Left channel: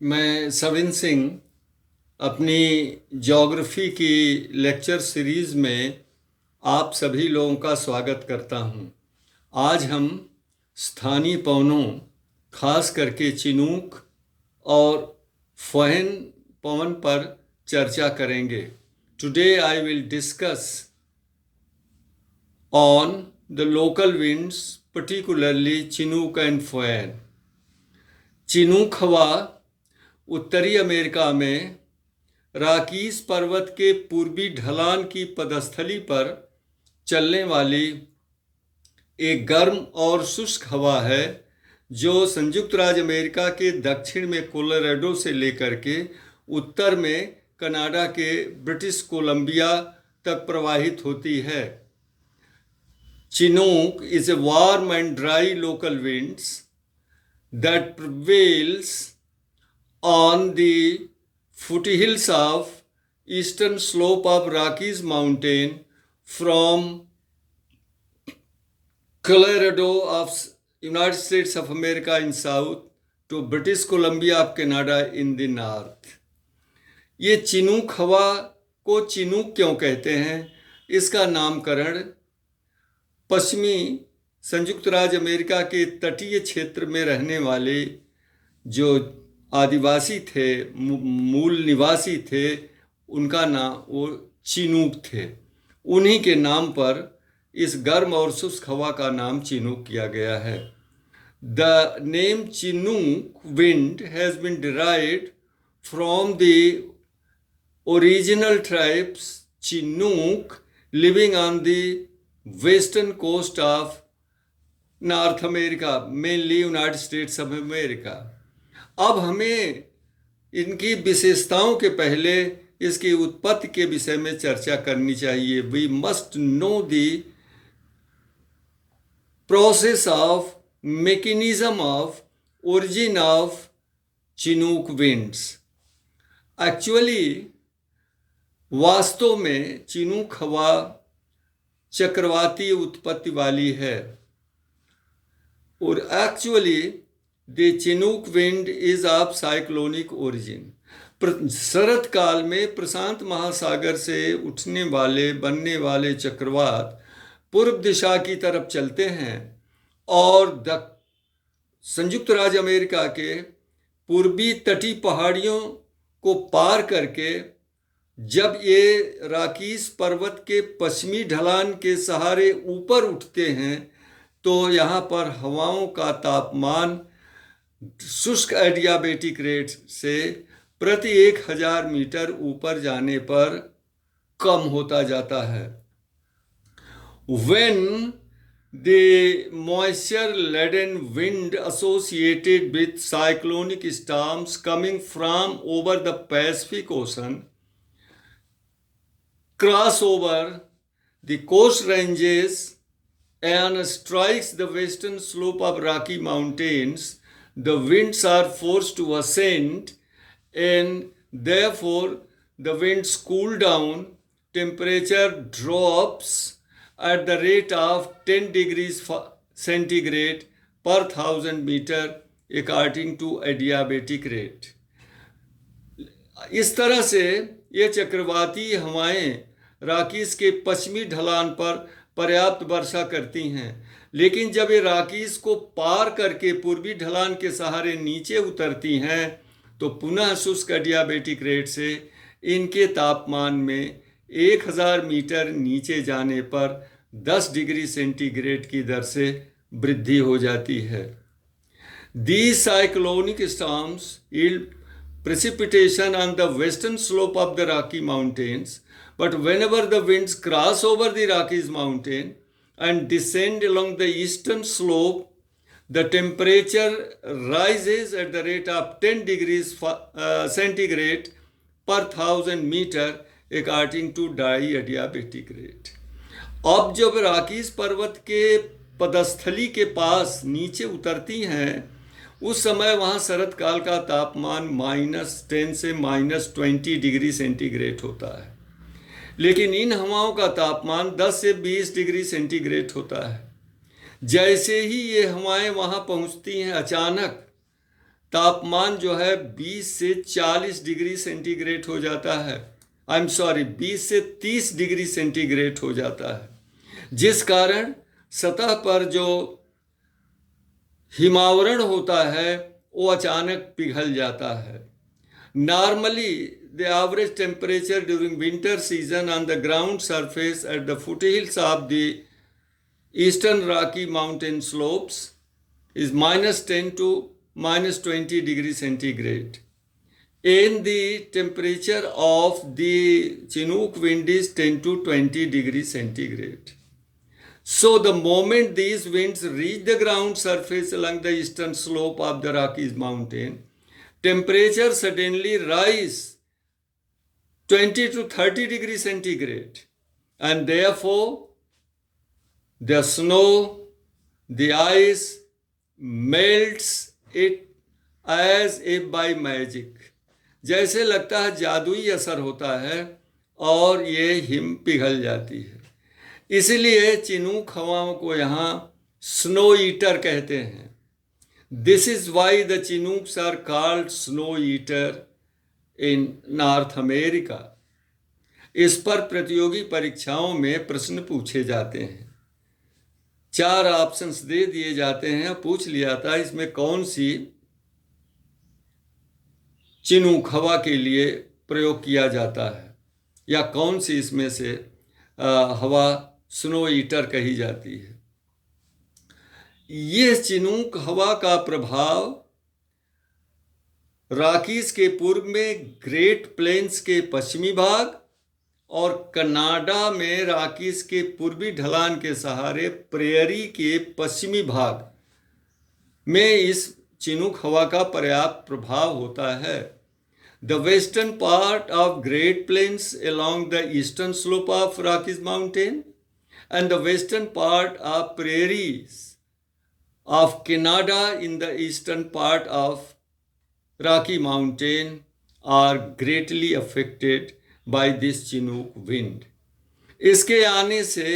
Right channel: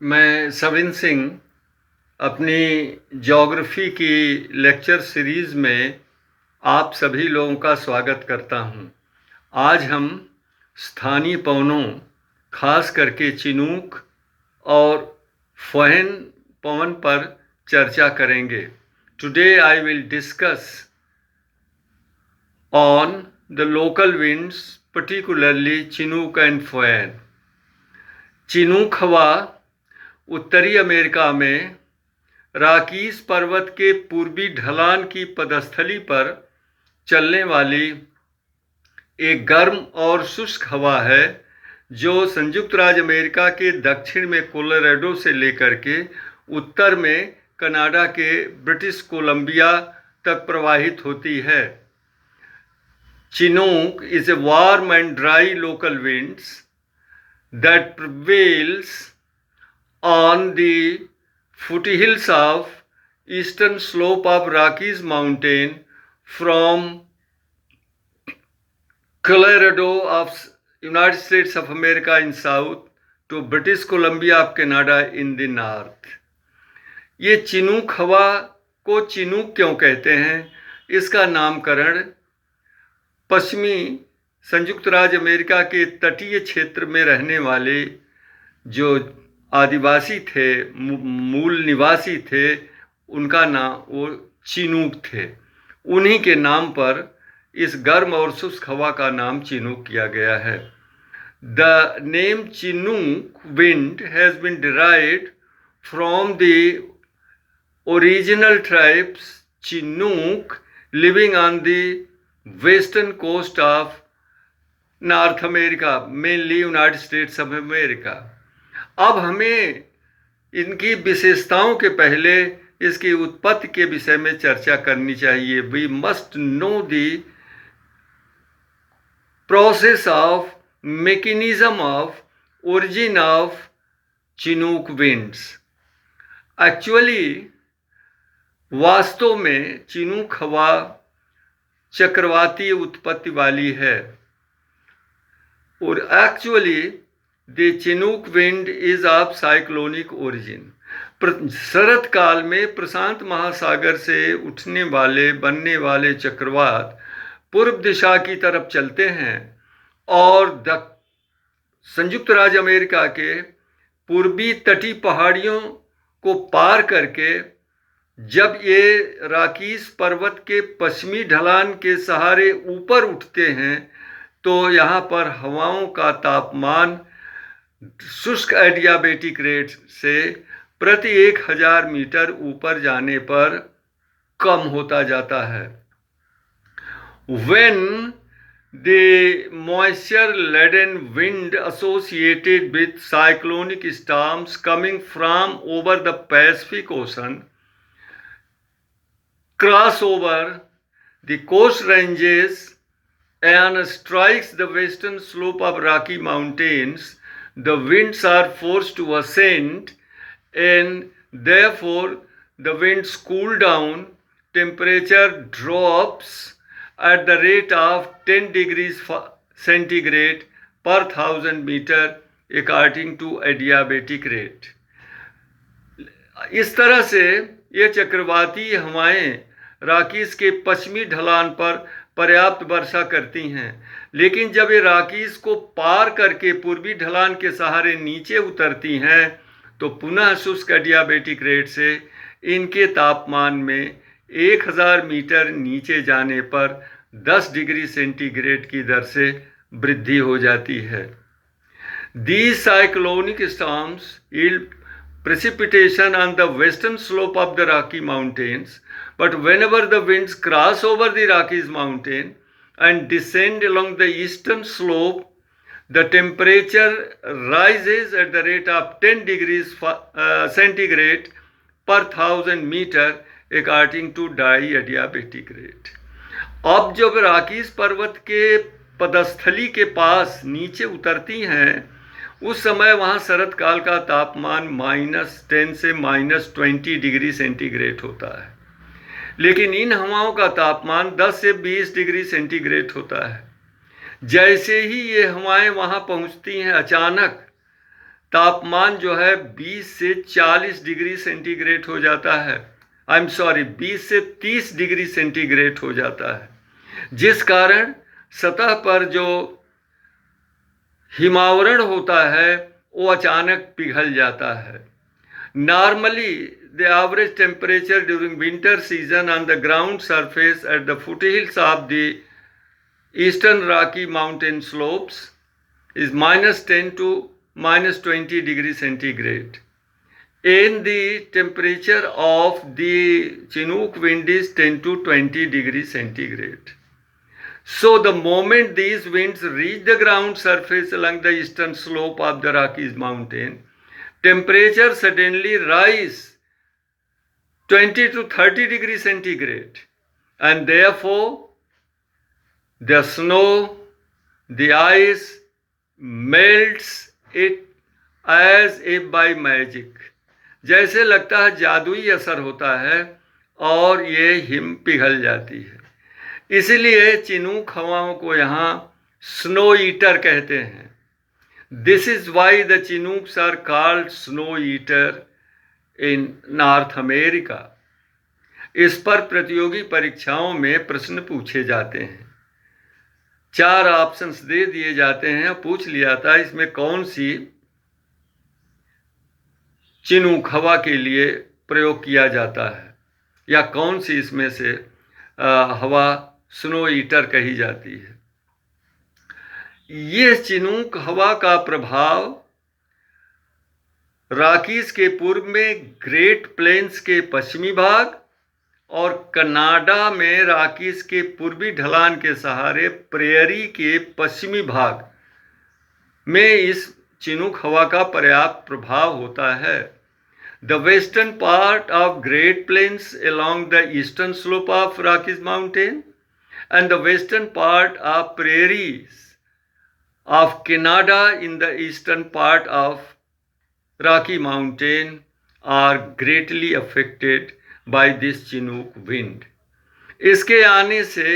मैं सविन सिंह अपनी ज्योग्राफी की लेक्चर सीरीज़ में आप सभी लोगों का स्वागत करता हूं। आज हम स्थानीय पवनों, खास करके चिनूक और फुहेन पवन पर चर्चा करेंगे। Today I will discuss on the local winds, particularly chinook and foehn. Chinook हवा उत्तरी अमेरिका में राकीस पर्वत के पूर्वी ढलान की पदस्थली पर चलने वाली एक गर्म और शुष्क हवा है जो संयुक्त राज्य अमेरिका के दक्षिण में कोलोराडो से लेकर के उत्तर में कनाडा के ब्रिटिश कोलंबिया तक प्रवाहित होती है। Chinook is a warm and dry local winds that prevails on the foothills of eastern slope of Rockies Mountain from Colorado of United States of America in south to British Columbia of Canada in the north। ये Chinook हवा को Chinook क्यों कहते हैं? इसका नामकरण पश्चिमी संयुक्त राज्य अमेरिका के तटीय क्षेत्र में रहने वाले जो आदिवासी थे, मूल निवासी थे, उनका नाम वो चिनूक थे। उन्हीं के नाम पर इस गर्म और शुष्क हवा का नाम चिनूक किया गया है। The name Chinook wind has been derived from the original tribes Chinook living on the western coast of North America, mainly United States of America. अब हमें इनकी विशेषताओं के पहले इसकी उत्पत्ति के विषय में चर्चा करनी चाहिए। We must know the process of mechanism of origin of chinook winds. Actually वास्तव में चिनूक हवा चक्रवातीय उत्पत्ति वाली है और actually the chinook wind is of cyclonic origin. शरद काल में प्रशांत महासागर से उठने वाले बनने वाले चक्रवात पूर्व दिशा की तरफ चलते हैं और संयुक्त राज्य अमेरिका के पूर्वी तटीय पहाड़ियों को पार करके जब ये राकीस पर्वत के पश्चिमी ढलान के सहारे ऊपर उठते हैं तो यहाँ पर हवाओं का तापमान शुष्क एडियाबेटिक रेट से प्रति 1000 मीटर ऊपर जाने पर कम होता जाता है। When the moisture laden wind associated with cyclonic storms coming from over the Pacific Ocean cross over the coast ranges and strikes the western slope of Rocky Mountains, the winds are forced to ascend and therefore the winds cool down, temperature drops at the rate of 10 degrees centigrade per 1000 meter according to adiabatic rate। इस तरह से ये चक्रवाती हवाएं राकीस के पश्चिमी ढलान पर पर्याप्त वर्षा करती हैं, लेकिन जब ये राकीस को पार करके पूर्वी ढलान के सहारे नीचे उतरती हैं तो पुनः शुष्क एडियाबेटिक रेट से इनके तापमान में 1000 मीटर नीचे जाने पर 10 डिग्री सेंटीग्रेड की दर से वृद्धि हो जाती है। These cyclonic storms yield precipitation on the western slope of the Rocky Mountains, but whenever the winds cross over the Rockies Mountain and descend along the eastern slope, the temperature rises at the rate of 10 degrees centigrade per 1000 meter according to diadiabatic rate। अब जब राकीस पर्वत के पदस्थली के पास नीचे उतरती हैं उस समय वहाँ शरद काल का तापमान -10 से -20 डिग्री सेंटीग्रेड होता है, लेकिन इन हवाओं का तापमान 10 से 20 डिग्री सेंटीग्रेड होता है। जैसे ही ये हवाएं वहाँ पहुँचती हैं अचानक तापमान जो है 20 से 40 डिग्री सेंटीग्रेड हो जाता है। 20 से 30 डिग्री सेंटीग्रेड हो जाता है, जिस कारण सतह पर जो हिमावरण होता है वो अचानक पिघल जाता है। Normally the average temperature during winter season on the ground surface at the foothills of the eastern Rocky Mountain slopes is -10 to -20 degree centigrade. And the temperature of the Chinook wind is 10 to 20 degree centigrade. So the moment these winds reach the ground surface along the eastern slope of the Rockies mountain, temperature suddenly rise 20 to 30 degree centigrade, and therefore the snow, the ice melts it as if by magic. जैसे लगता है जादुई असर होता है और ये him पिघल जाती है। इसलिए चिनूक हवाओं को यहाँ स्नो ईटर कहते हैं। This is why the chinooks are called snow eater in North America. इस पर प्रतियोगी परीक्षाओं में प्रश्न पूछे जाते हैं। 4 ऑप्शंस दे दिए जाते हैं, पूछ लिया था इसमें कौन सी चिनूक हवा के लिए प्रयोग किया जाता है या कौन सी इसमें से हवा स्नो ईटर कही जाती है। ये चिनूक हवा का प्रभाव रॉकीज के पूर्व में ग्रेट प्लेन्स के पश्चिमी भाग और कनाडा में रॉकीज के पूर्वी ढलान के सहारे प्रेयरी के पश्चिमी भाग में इस चिनूक हवा का पर्याप्त प्रभाव होता है। The western part of Great Plains along the eastern slope of Rockies mountain and the western part of prairies of Canada in the eastern part of Rocky Mountain are greatly affected by this Chinook wind. इसके आने से,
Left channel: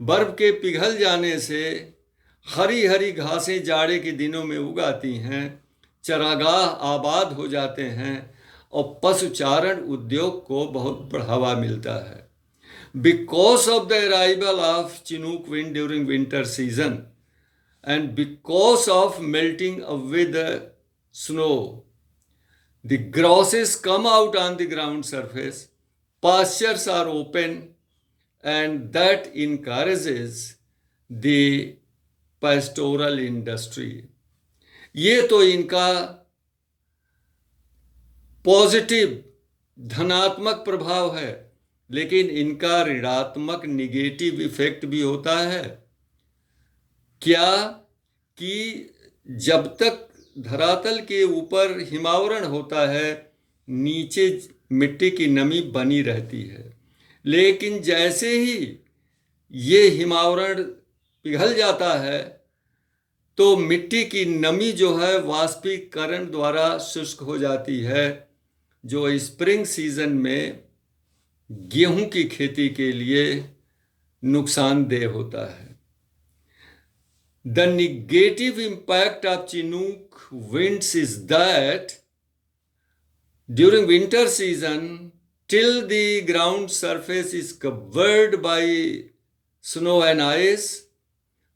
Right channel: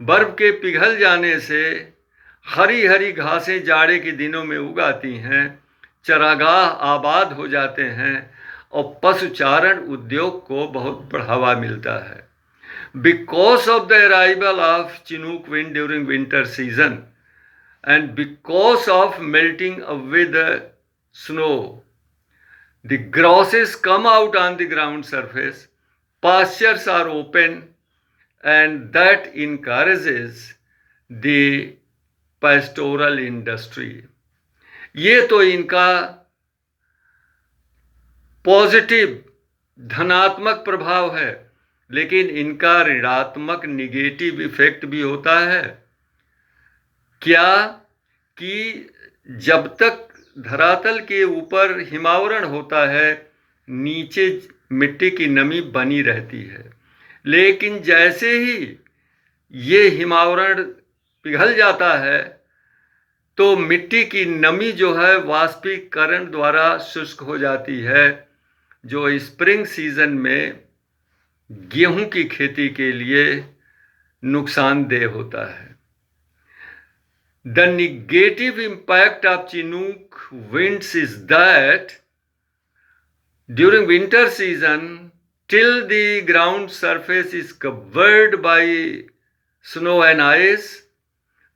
बर्फ के पिघल जाने से हरी हरी घासें जाड़े के दिनों में उगाती हैं, चरागाह आबाद हो जाते हैं और पशुचारण उद्योग को बहुत बढ़ावा मिलता है। Because of the arrival of Chinook wind during winter season and because of melting away the snow, the grasses come out on the ground surface, pastures are open, and that encourages the pastoral industry. ये तो इनका positive धनात्मक प्रभाव है, लेकिन इनका ऋणात्मक negative effect भी होता है। क्या कि जब तक धरातल के ऊपर हिमावरण होता है, नीचे मिट्टी की नमी बनी रहती है, लेकिन जैसे ही ये हिमावरण पिघल जाता है तो मिट्टी की नमी जो है वाष्पीकरण द्वारा शुष्क हो जाती है, जो स्प्रिंग सीजन में गेहूं की खेती के लिए नुकसानदेह होता है। The negative impact of Chinook winds is that during winter season, till the ground surface is covered by snow and ice,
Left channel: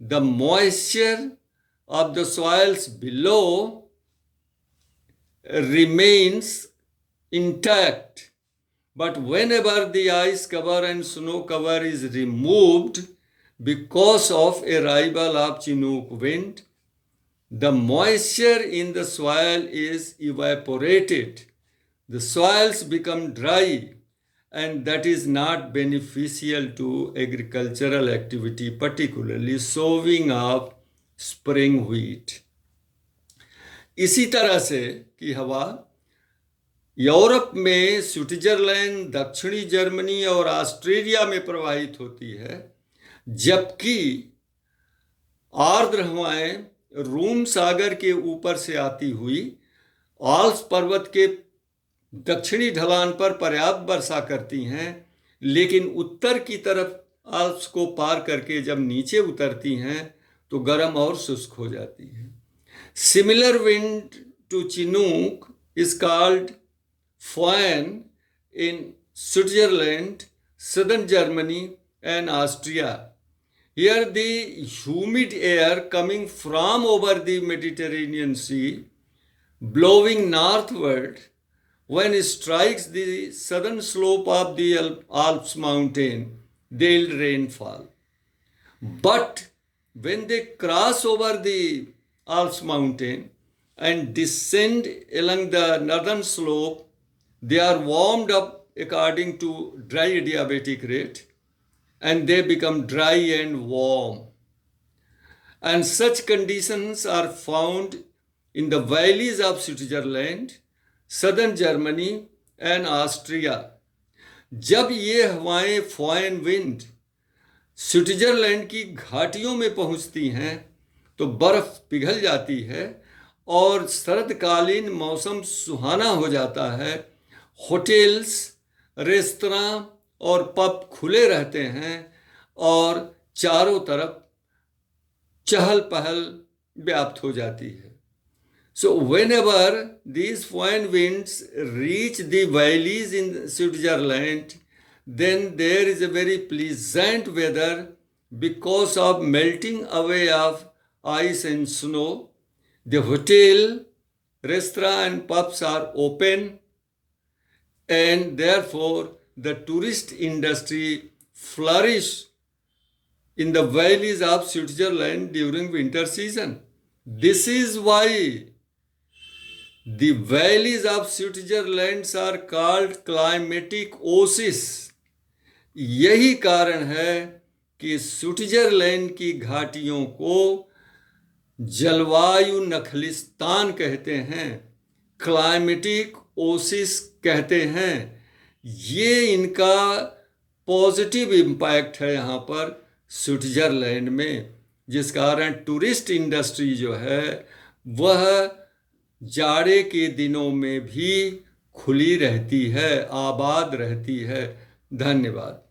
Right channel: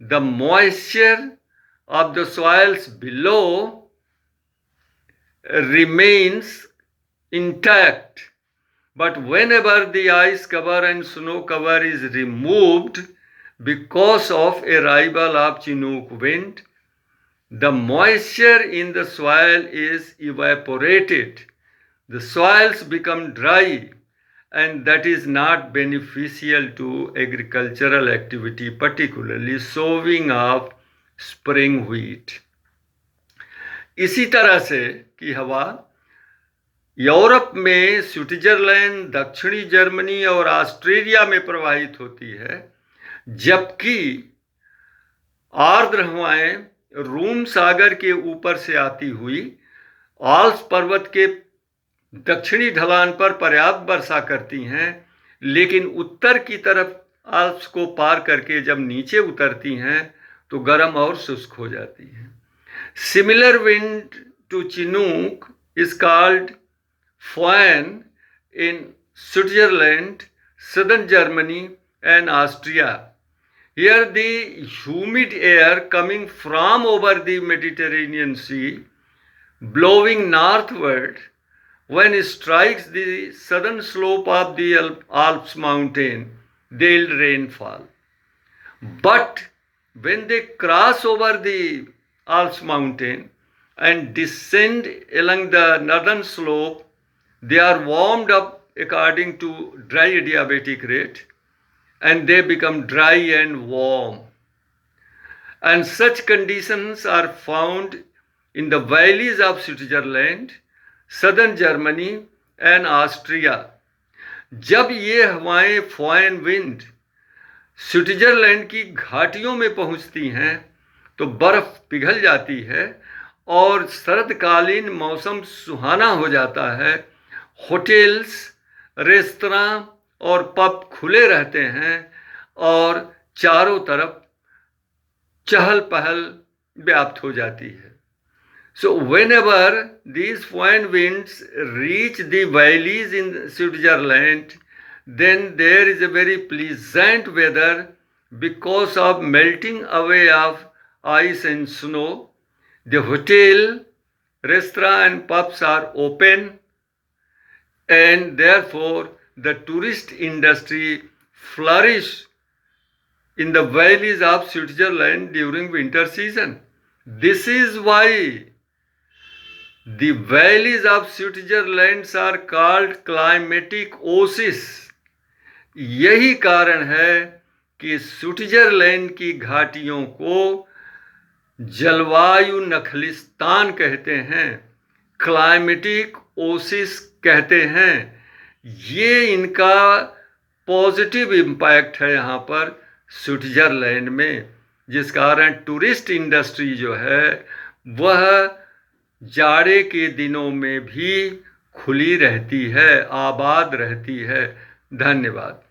the moisture of the soils below remains intact. But whenever the ice cover and snow cover is removed because of arrival of Chinook wind, the moisture in the soil is evaporated. The soils become dry, and that is not beneficial to agricultural activity, particularly sowing of spring wheat. इसी तरह से की हवा Europe में Switzerland, दक्षिणी Germany और Australia में प्रवाहित होती है, जबकि आर्द्र हवाएं रूम सागर के ऊपर से आती हुई आल्प्स पर्वत के दक्षिणी ढलान पर पर्याप्त वर्षा करती हैं, लेकिन उत्तर की तरफ आल्प्स को पार करके जब नीचे उतरती हैं तो गर्म और शुष्क हो जाती हैं। Similar wind to Chinook is called Föhn in Switzerland, southern Germany, and Austria. Here, the humid air coming from over the Mediterranean Sea, blowing northward, when it strikes the southern slope of the Alps mountain, they yield rainfall. But when they cross over the Alps mountain and descend along the northern slope, they are warmed up according to dry adiabatic rate, and they become dry and warm. And such conditions are found in the valleys of Switzerland, southern Germany, and Austria. जब ये हवाएं फॉयन wind Switzerland की घाटियों में पहुंचती हैं तो बर्फ पिघल जाती है और शरदकालीन मौसम सुहाना हो जाता है। होटल्स, रेस्तरां और पब खुले रहते हैं और चारों तरफ चहल पहल व्याप्त हो जाती है। So whenever these foreign winds reach the valleys in Switzerland, then there is a very pleasant weather because of melting away of ice and snow. The hotel, restaurant and pubs are open, and therefore the tourist industry flourish in the valleys of Switzerland during winter season. This is why the valleys of Switzerland are called climatic oases. यही कारण है कि Switzerland की घाटियों को जलवायु नखलिस्तान कहते हैं, क्लाइमेटिक ओसिस कहते हैं। ये इनका पॉजिटिव इम्पैक्ट है यहाँ पर स्विट्जरलैंड में, जिस कारण टूरिस्ट इंडस्ट्री जो है वह जाड़े के दिनों में भी खुली रहती है, आबाद रहती है। धन्यवाद।